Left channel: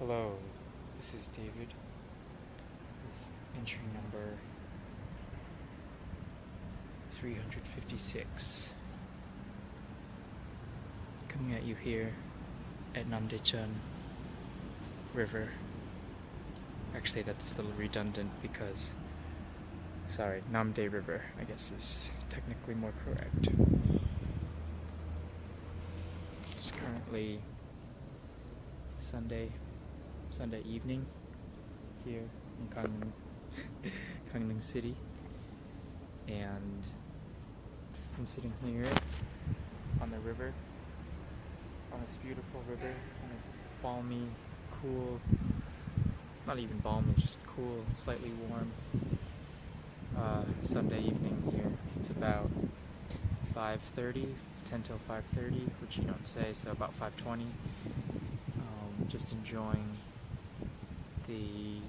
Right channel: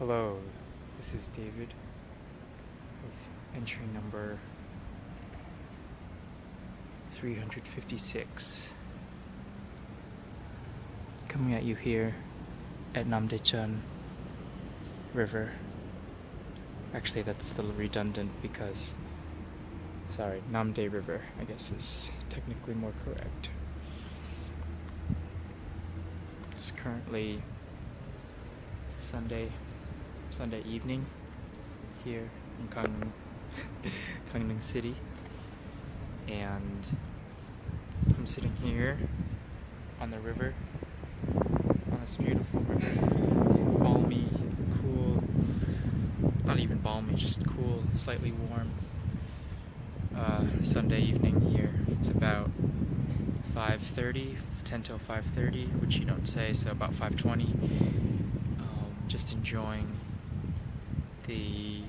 Hello, this is David with entry number 356. Coming at you here at Namdaecheon River. Actually, that's a little redundant because, Namdae River, I guess, is technically more correct. It's currently Sunday evening here in Gangneung City, and I'm sitting here on the river, on this beautiful river, balmy, cool, not even balmy, just cool, slightly warm Sunday evening here. It's about 5:30, 10 till 5:30, which you don't say, so about 5:20. Just enjoying the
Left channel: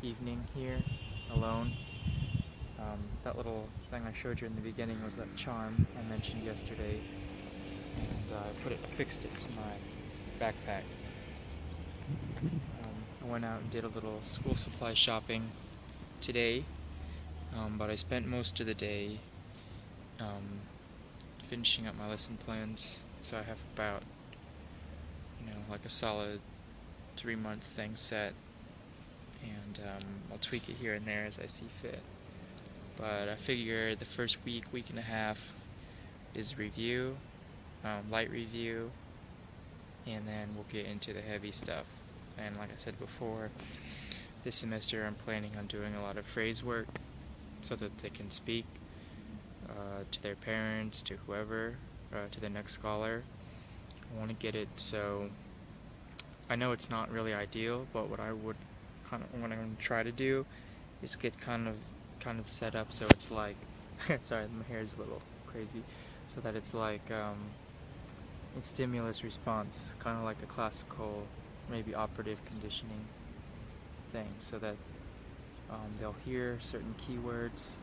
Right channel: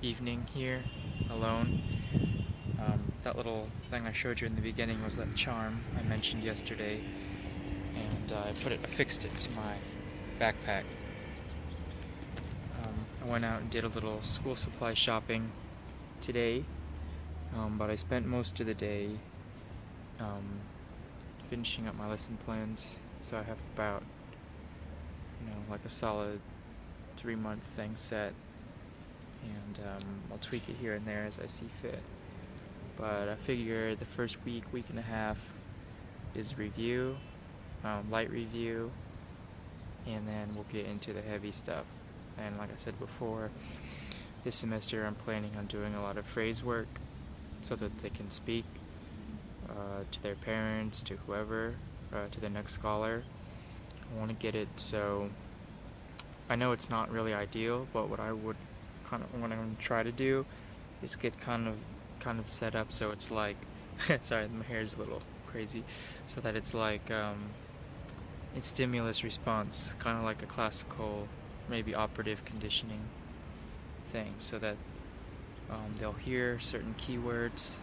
evening here alone. That little thing I showed you in the beginning was that charm I mentioned yesterday, and I fixed it to my backpack. I went out and did a little school supply shopping today, but I spent most of the day finishing up my lesson plans, so I have about like a solid 3-month thing set, and I'll tweak it here and there as I see fit. But I figure the first week and a half is review, light review, and then we'll get into the heavy stuff. And like I said before, this semester I'm planning on doing a lot of phrase work so that they can speak to their parents, to whoever, to the next scholar. I want to get it so I know it's not really ideal, but what I'm going to try to do is get kind of set up so it's like sorry, my hair is a little crazy, so that it's like it's stimulus response, kind of like a classical, maybe operative conditioning thing, so that they'll hear certain keywords.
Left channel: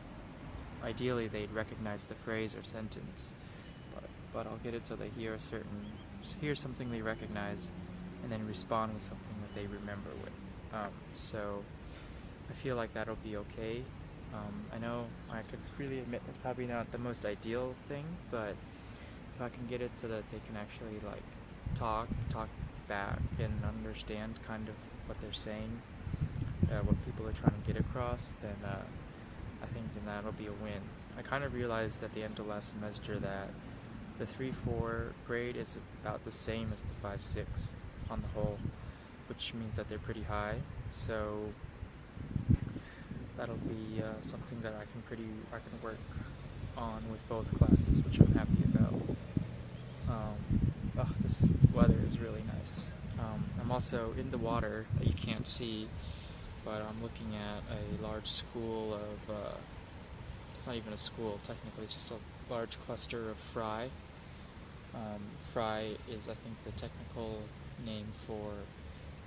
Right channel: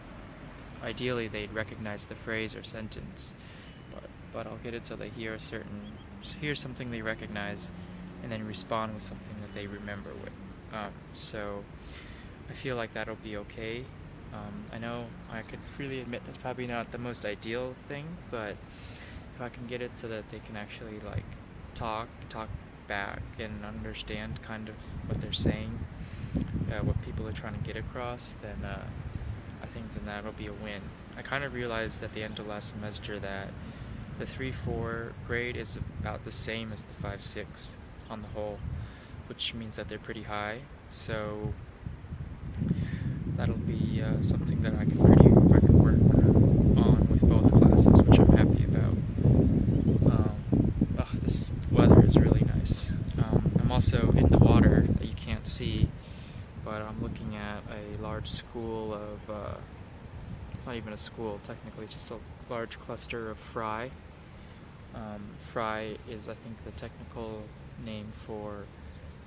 Ideally they'd recognize the phrase or sentence, but I'll get it so they hear something they recognize and then respond with something that they remember with. So I feel like that'll be okay. I know I could freely admit that's probably not the most ideal thing, but if I can get it so that they can actually like talk back and understand kind of what they're saying, what people are trying to get across, then I think then that'll be a win. I kind of realized at the end of last semester that the 3-4 grade is about the same as the 5-6 on the whole, which means that they're pretty high, so that'll be something that I can work on with both classes, which I'm happy about. This weather is really nice. I'm also in the water that you can't see, but I'm looking at a large school of, it's not even a school technically, it's just a large cluster of fry. Fry is, I think, the technical name for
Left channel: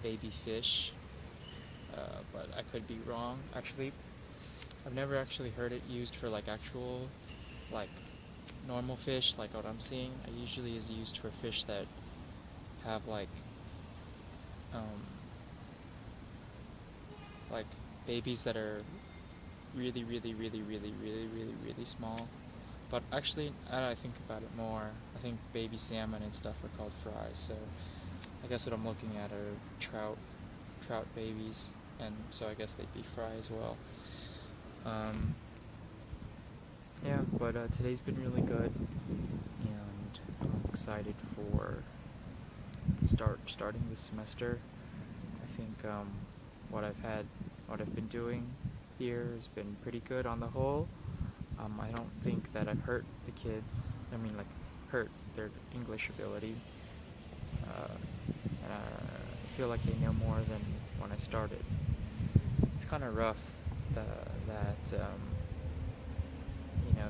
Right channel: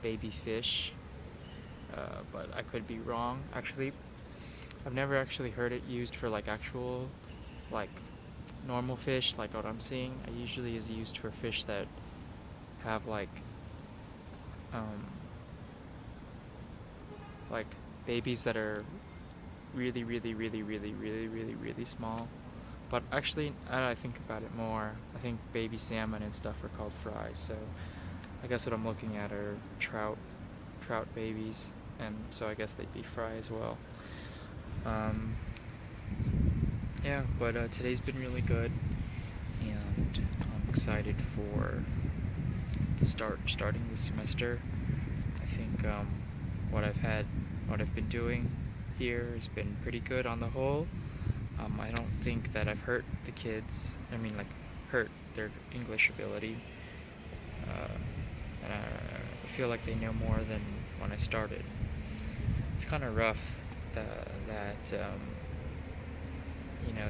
baby fish, but I could be wrong. Actually, I've never actually heard it used for like actual, like normal fish, like what I'm seeing. It usually is used for fish that have like babies that are really small. But actually, now that I think about it more, I think baby salmon and stuff are called fry, so I guess what I'm looking at are trout babies, and so I guess they'd be fry as well. Yeah, but today's been really good, and I'm excited for starting this semester. I think what I've been doing here has been pretty good on the whole. I don't think that I've hurt the kids. I mean, like, hurt their English ability. And I feel like they know more than when I started. It's kind of rough that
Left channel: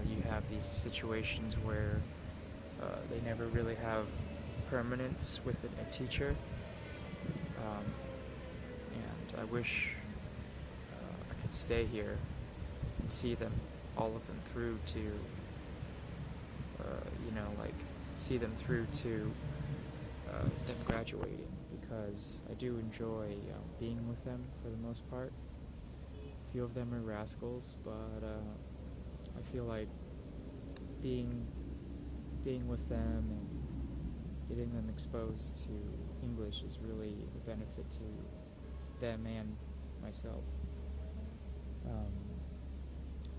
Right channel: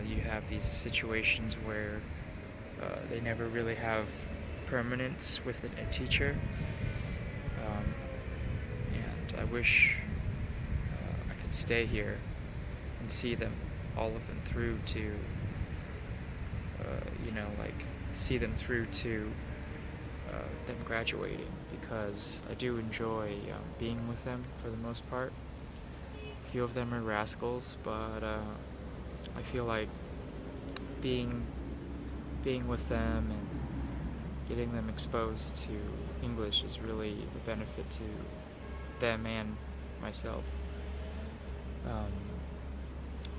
you have these situations where they never really have permanence with a teacher. And I wish I could stay here and see them, all of them, through to, see them through to them graduating, because because I do enjoy being with them for the most part. A few of them are rascals, but I feel like being with them and getting them exposed to English is really a benefit to them and myself.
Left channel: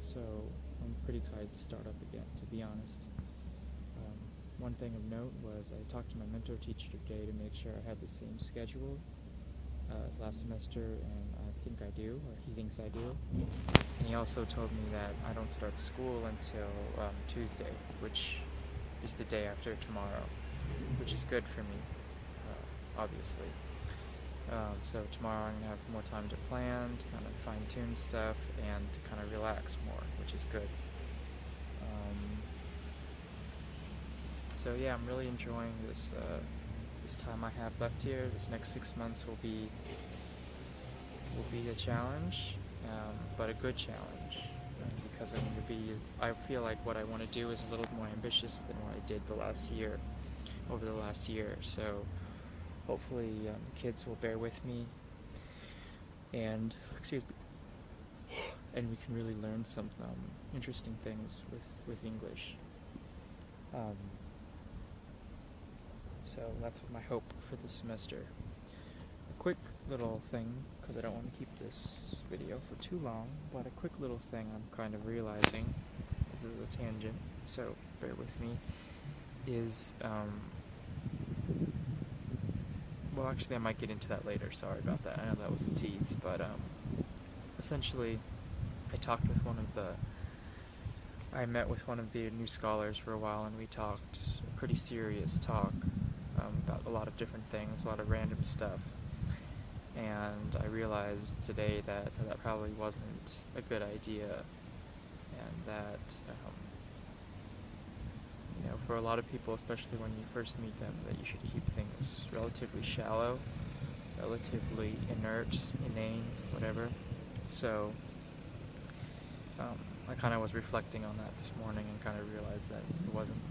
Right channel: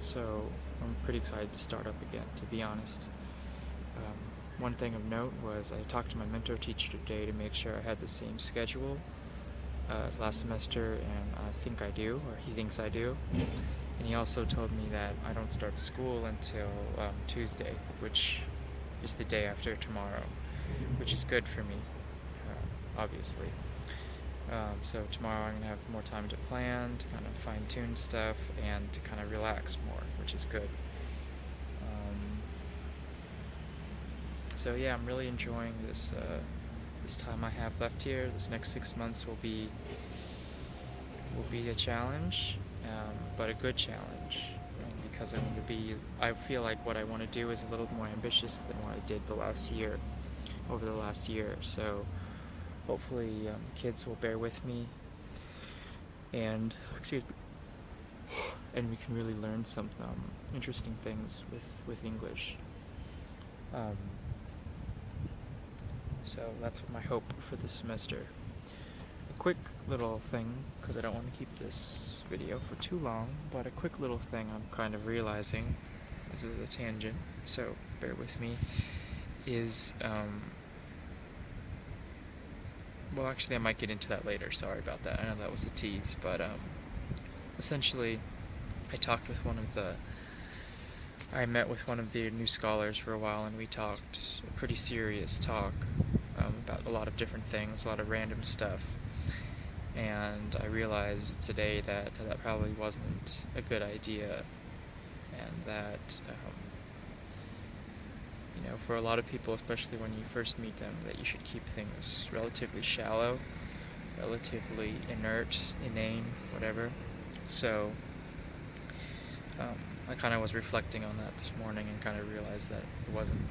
So I'm pretty excited to start up again, to be honest. One thing of note was I talked to my mentor teacher today to make sure I had the same schedule as last semester, and I think I do, or he thinks I do. And he also told me that I don't start school until Tuesday, which is the day after tomorrow, which is good for me, obviously. So tomorrow I'm going to have more time to plan, to kind of fine-tune stuff, and to kind of relax more, which is good. So yeah, I'm really enjoying this time I have left here. This next 6 months will be a challenge, but a good challenge, because I feel like what I want to do is a little more ambitious than what I did over the last year. So hopefully the kids will bear with me, and we can really learn some interesting things with English. So that's my hope for this semester. A quick little thing, because I don't want to keep this video for too long, but a quick little thing I'm kind of realizing, this is a tangent, so bear with me, is, well, actually I might get into that later, sorry about that, I know that was a tease, but essentially I met with one of the new scholars for a while, and we talked a pretty serious talk about a lot of different things, a lot of random stuff. And I realized today that probably wasn't a good idea, and that, for a lot of people, especially when you first meet them, that you should keep things relatively shallow, relatively inert, inane, whatever. So I kind of was reflecting on that this morning and kind of realized that it wasn't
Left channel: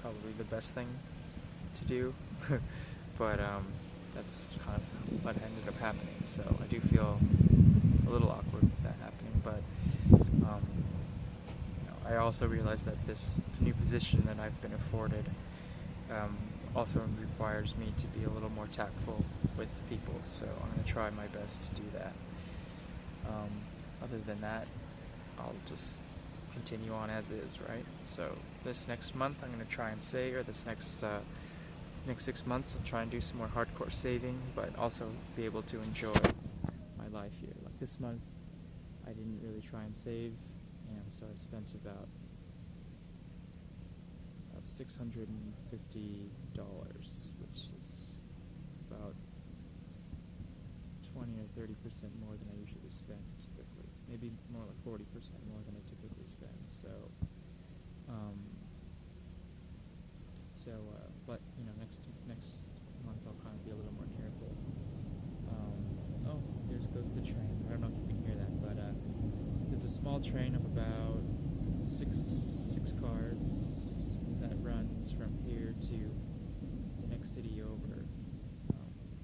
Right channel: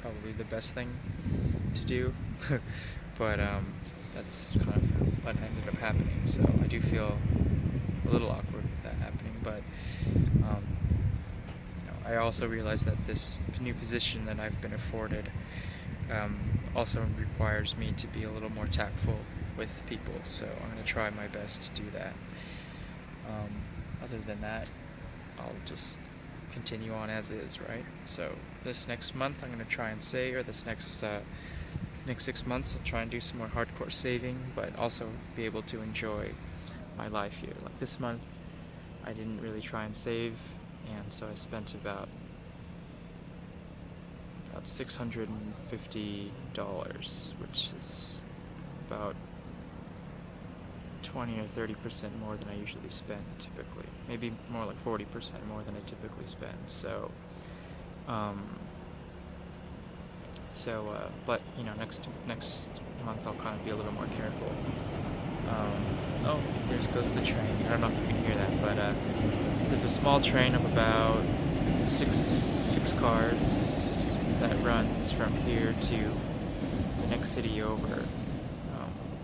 probably the best thing to do, but that's kind of what ended up happening. So I do feel a little awkward with that happening, but I also realized that this new position that I've been afforded also requires me to be a little more tactful with people, so I'm going to try my best to do that. Other than that, I'll just continue on as is, right? So this next month I'm going to try and save, or this next 6 months I'll try and do some more hardcore saving, but also be able to enjoy my life here. Like this month I didn't really try and save, and so I spent about $650, which is about 20 or 30% more than I usually spend typically. Maybe more like 40% more than I typically spend. So, but next month I'll kind of be a little more careful. Oh, there goes the train. I don't know if you can hear that, but there's a small train of about six cars that runs from here to the next city over.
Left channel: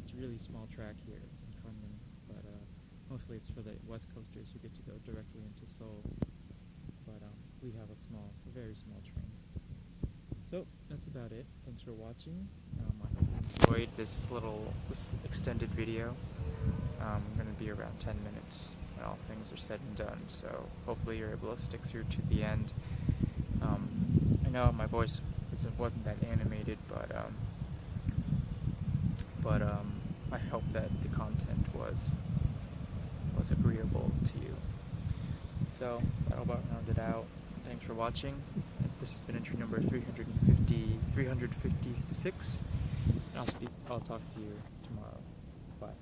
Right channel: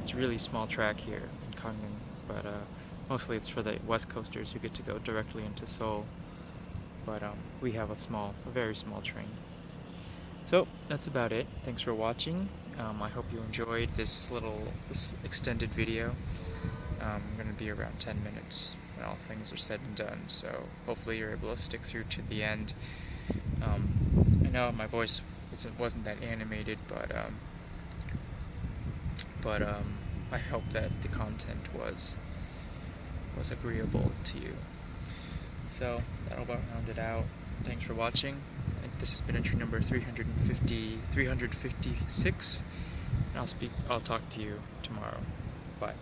It's a really small track here in Kangnam, but mostly it's for the West Coasters who get to go directly into Seoul. But we have a very small train. So that's about it. Thanks for watching. I hope you enjoyed this extended video. I'm going to be around 10 minutes when all things are said and done, so hopefully you're able to stick through to the end. I know my voice wasn't that animated, but I hope that the content was agreeable to you. So that'll about round it out. Thanks for watching. This has been entry number 356, and I'll talk to you tomorrow. Bye.